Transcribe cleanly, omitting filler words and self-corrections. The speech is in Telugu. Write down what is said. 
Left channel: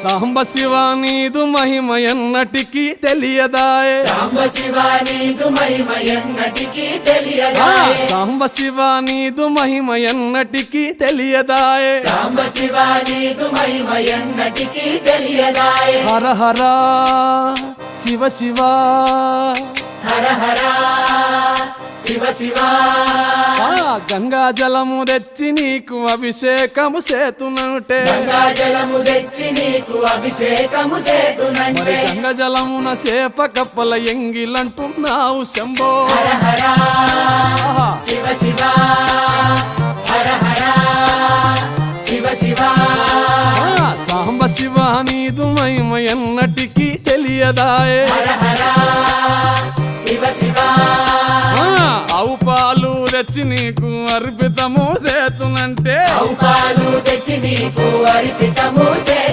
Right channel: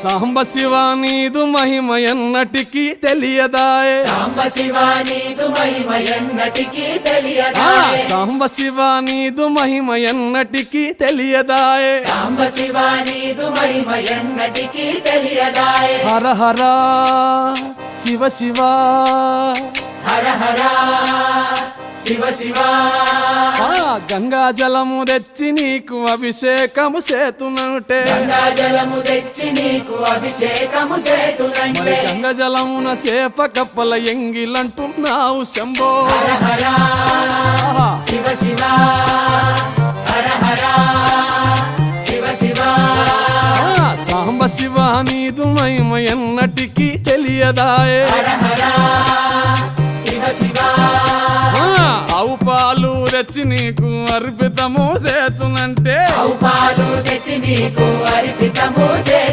సాంబ శివ నీదు మహిమ ఎన్నటికీ తెలియదాయే సాంబ శివ నీదు మహిమ ఎన్నటికీ తెలియదాయే సాంబ శివ నీదు మహిమ ఎన్నటికీ తెలియదాయే సాంబ శివ నీదు మహిమ ఎన్నటికీ తెలియదాయే హర హర శివ శివ హర హర శివ శివ గంగా జలము తెచ్చి నీకు అభిషేకము చేతునంటే గంగా జలము తెచ్చి నీకు అభిషేకము మరి చేతునంటే గంగ జలమున చేప కప్పల ఎంగిలంటున్నావు శంభో హర హర ఆహా. శివ శివ హర హర శివ శివ సాంబ శివ నీదు మహిమ ఎన్నటికీ తెలియదాయే హర హర శివ శివ ఆవు పాలు తెచ్చి నీకు అర్పితము చేతునంటే పాలు తెచ్చి నీకు అర్పితము